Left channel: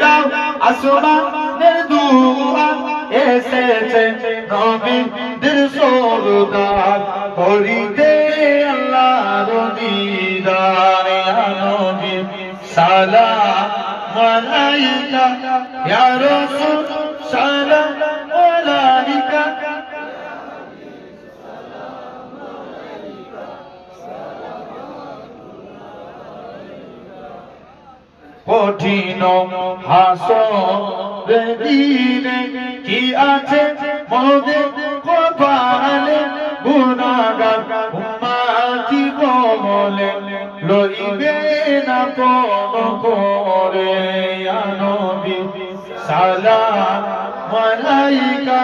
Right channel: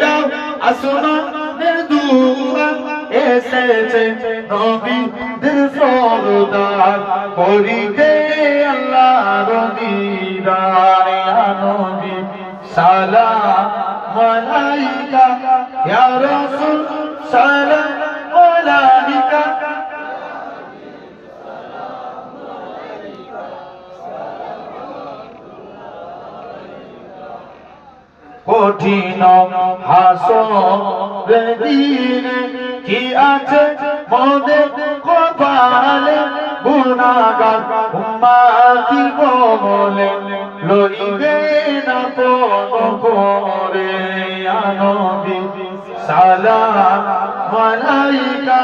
দাও আসমানের দুয়া এসেছে নবীদের সরদার করিতে আল্লাহর দিদার ইয়া নবী সালাম আলাইকা ইয়া রাসূল সালাম আলাইকা কঠিন হাসরের দিনে কি আছে মোদের কপালে গুনাহগার উম্মতি বলে লইবে না পদ করে ইয়া নবী সালাম আলাইকা